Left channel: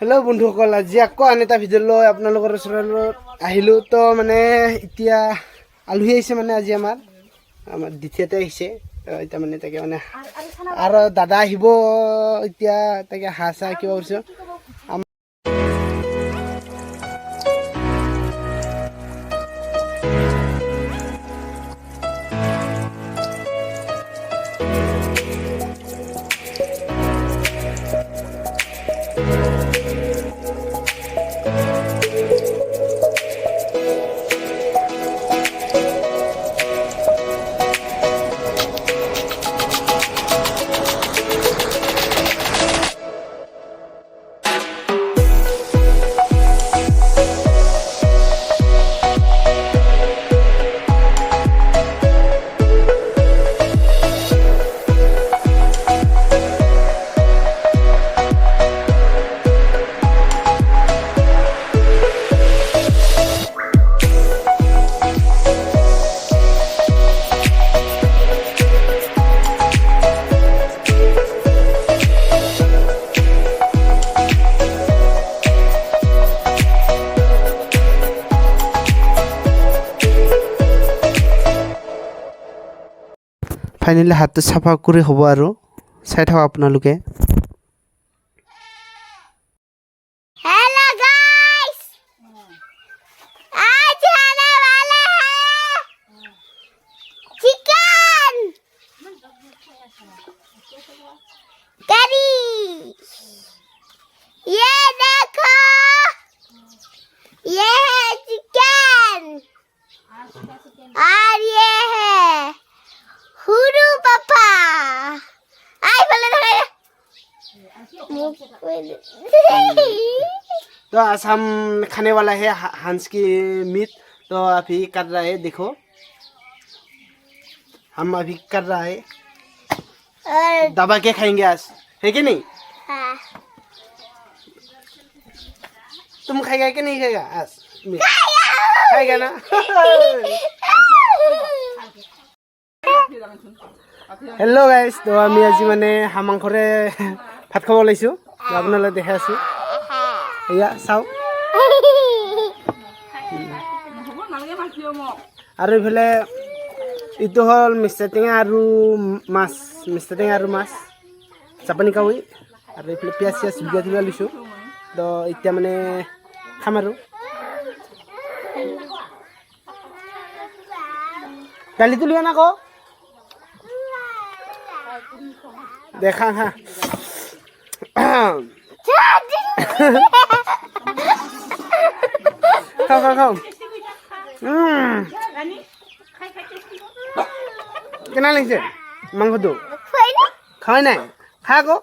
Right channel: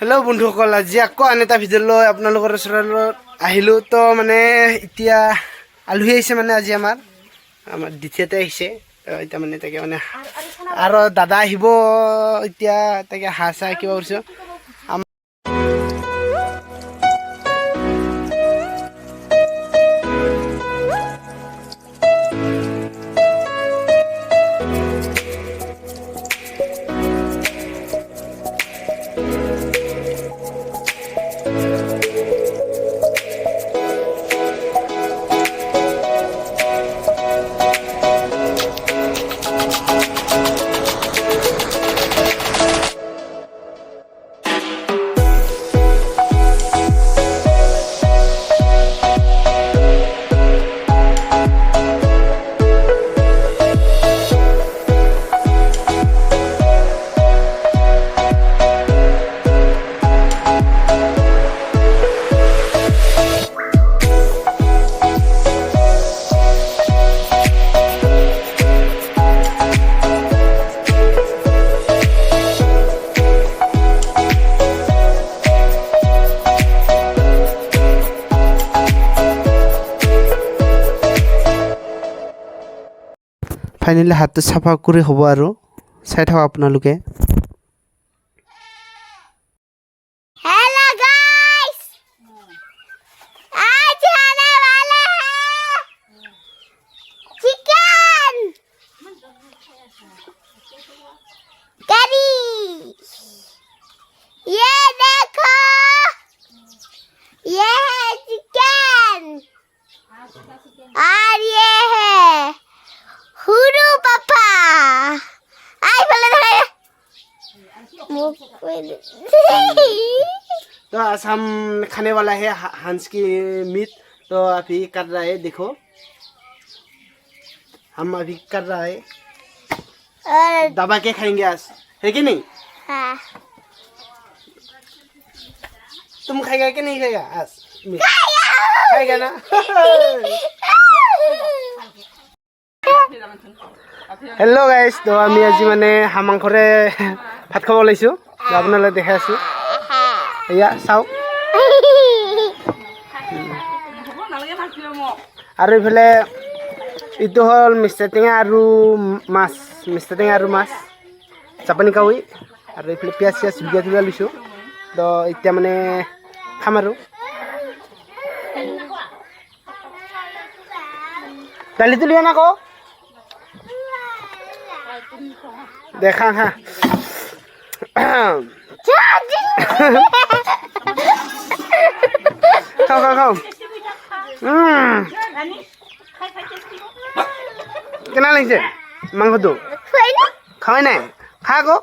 Hello' বন্ধুসকল, আজি আকৌ আন এটা ভিডিঅ' লৈ আপোনালোকৰ ওচৰত আহিলোঁ। তো মানে এতিয়া আলহী আহিছে, মানে আজি আমাৰ দ্বিতীয়তে আহিছে। তো এতিয়া মানে তাকে মানে আৰু দাদা আহিব এতিয়া, তাকে হাঁহ চাহ কিবা কৰিছোঁ। ফাইনেলি হাতটো চাফা কৰি হ'ব আৰু চাই থাকক আপোনালোকে। हेलो गाइस, आज आने वाला है चिकन करी। ये देखो, ये है चिकन और ये है हुरू पापा। आई बोले तो आज हम खाने वाला है हंस की मीट। तो अभी कर रहा है, देखो हम अभी कर रहा है। दबा के खाएंगे आज, है कि नहीं? हाँ। तुम खाएगा कि नहीं खाएगा आज मीट? खाएगा ना? হেল্ল' গাইজ, তো আমি আজি মানে হাঁহ মাংসৰে ভাত খাব ওলাইছোঁ। আপোনালোকে দেখাই আছোঁ, এয়া চাওক। আৰু এইফালে এইটো হ'ল মিষ্টাৰ টেঙা আৰু মাছ, মিষ্টাৰ টেঙা আৰু মাছ, জাপানী কাৱৈ। আৰু এইফালে পিঁয়াজ চিয়াজ জুলীয়া জুলীয়া লৈছোঁ। তো এতিয়া মানে খাম আৰু দালিটো লিয়া না আকৌ দেখা হা। খাও খাও খাও। কেনে লাগিছে মাংসটো? খাওয়াই নাই, খা আকৌ।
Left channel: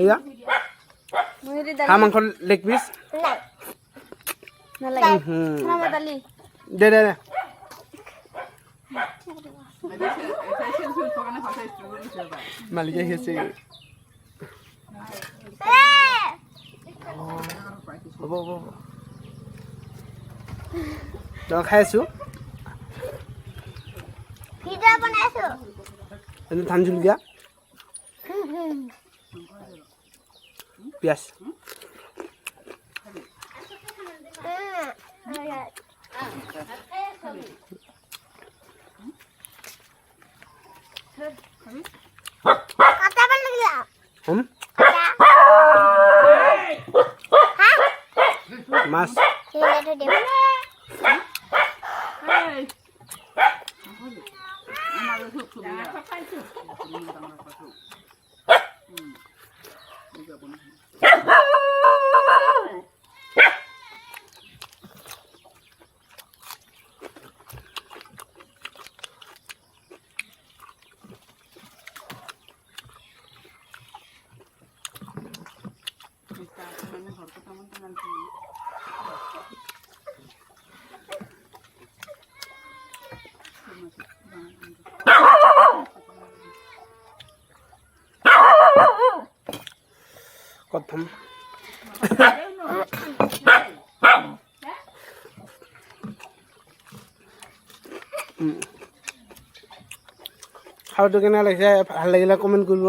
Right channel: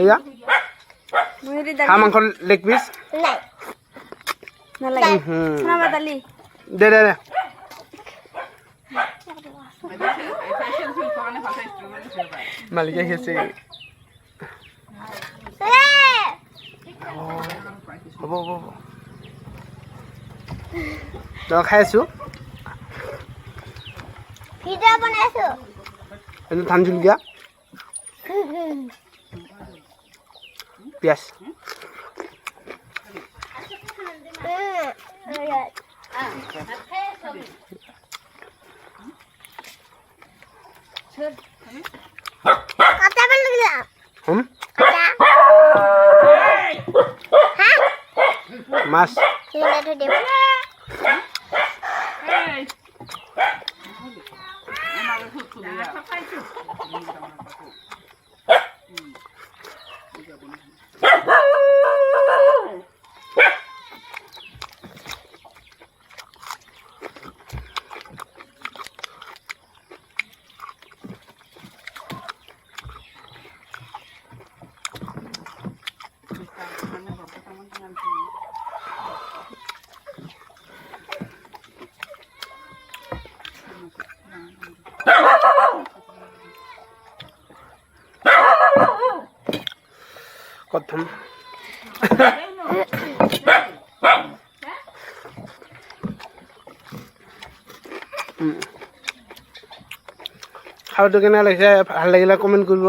এয়া হাঁহ মাংস লেগ পিচ। দে দে দে। মালিক আহি আছে। হ'ব হ'ব হ'ব, তই খাই আছোঁ। ভিডিও বনাইছো। এইটো ধান জলকীয়া, পিঁয়াজ। মাছ কথম। খাওয়াটো কেনে লাগিছে ভাল লাগিলে কমেন্ট কৰিব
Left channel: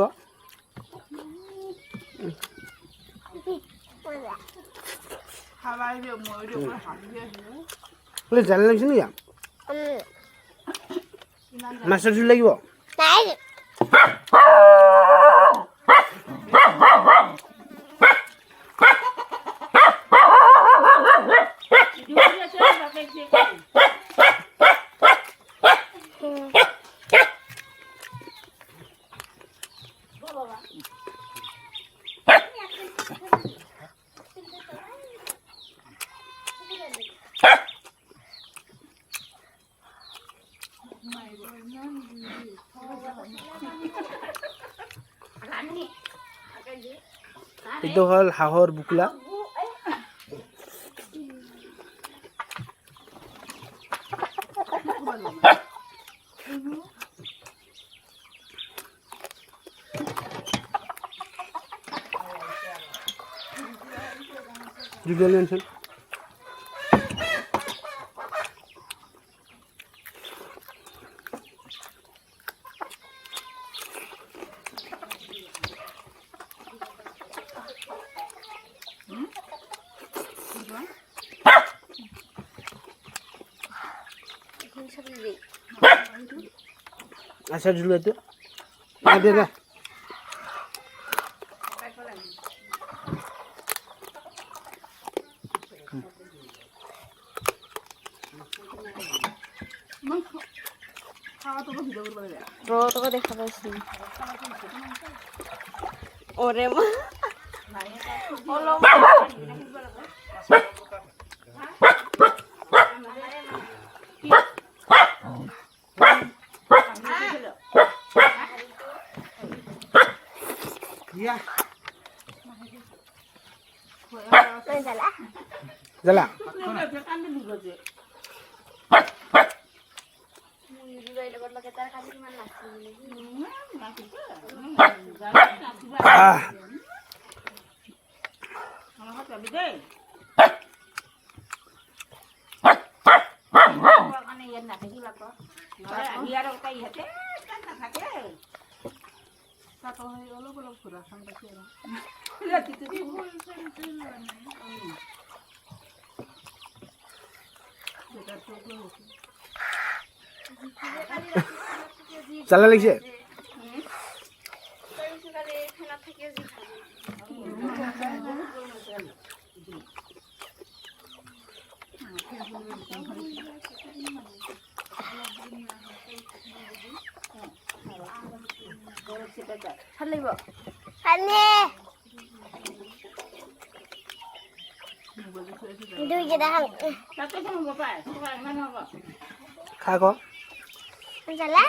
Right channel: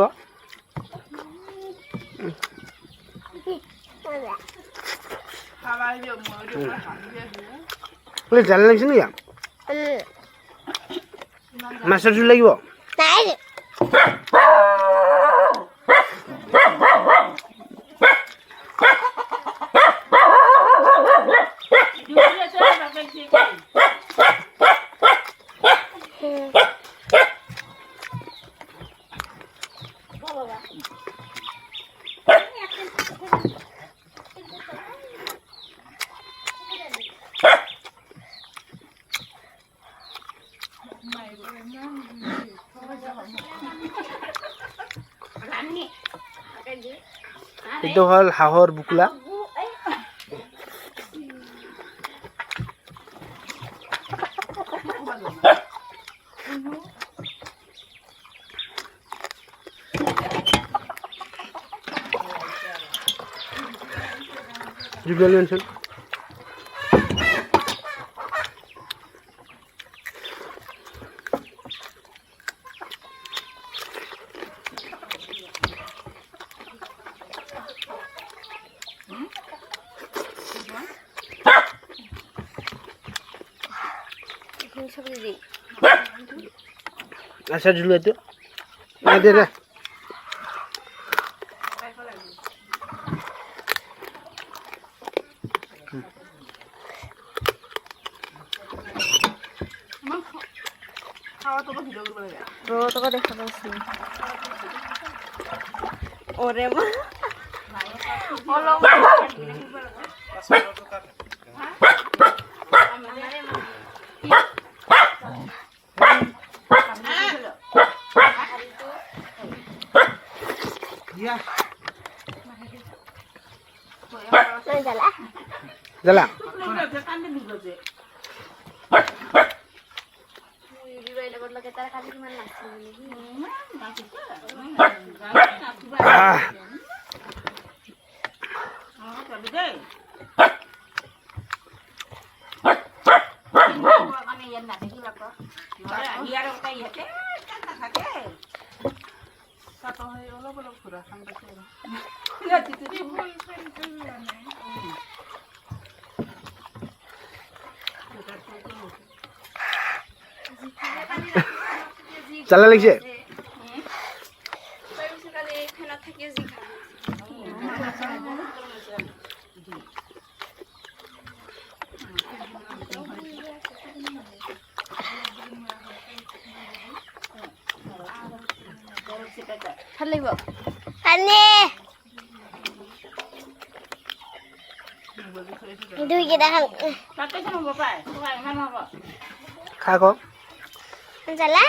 বোলে জাল লাগিছে নেকি মাছৰ জোল লাগিব নাই এইটো হ'ল হাঁহৰ বুকুলা জুবিয়ালি আনচোন আচ্ছা জুল এইটো দে দে তোকে দেখা পাইছি ওরে মা জ্বালা জ্বালা লাগিছে ভাল লাগিব পানী দুই কেইটা খা ক জ্বালা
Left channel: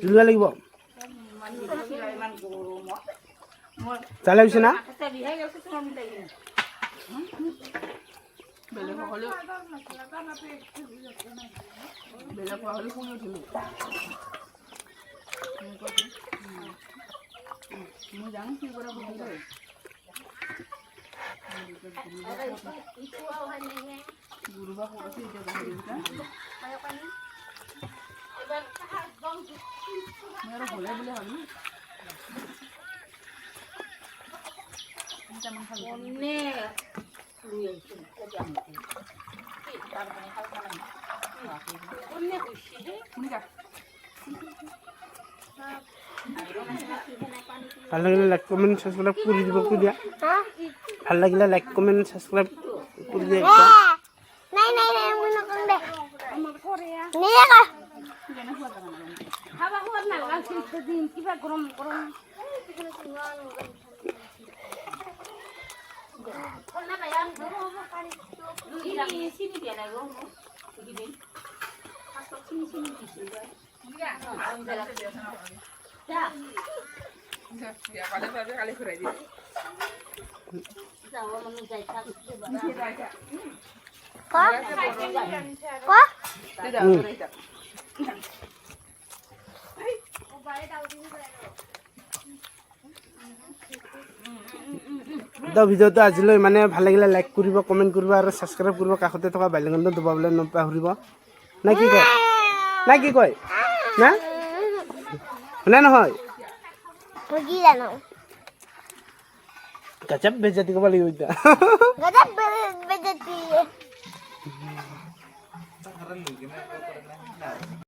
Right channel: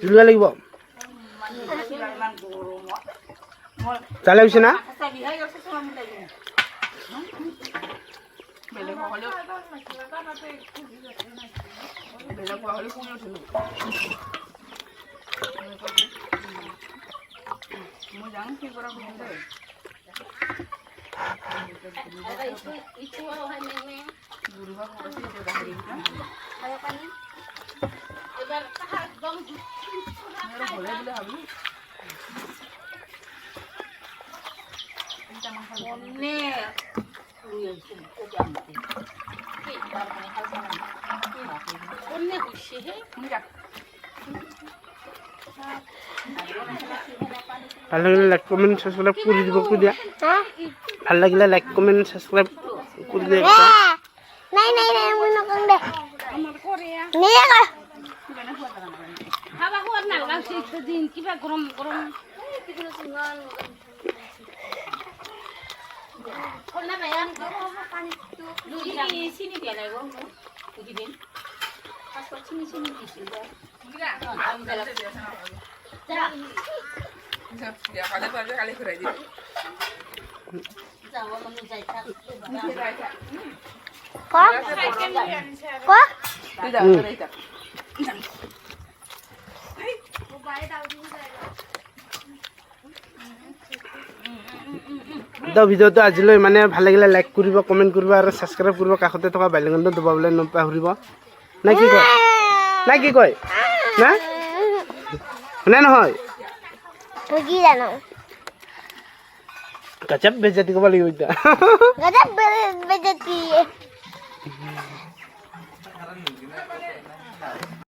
জুলুৱা লাগিব জ্বালা হৈছে না ভাল লাগিলে লাইক কমেণ্ট সাবস্ক্ৰাইব কৰি দিব কৈ দিয়া ভাল লাগিলে লাইক কমেণ্ট সাবস্ক্ৰাইব কৰি দে একদম। নাই নাই নাই মই নকওঁ দে নিয়ে ক খাবা খোৱাত নালাগা দিন কিবা গৰম গৰম চিনি দিয়া নাই গিদিন চিনি চিনি দিছিল ক ক তো ভিডিঅ'টো আজিলৈ মানে ভাল লাগিলে লাইক কৰিব কমেণ্ট কৰিব আৰু ছাবস্ক্ৰাইব কৰিব কাষতে থকা বেল আইকনটো দবাবলৈ নাপাহৰিব না কি কয় না কি কয় না নে নহয় মই কি জানো গজব বেজতি কৰিব লাগিব এতিয়া গজব বেজতি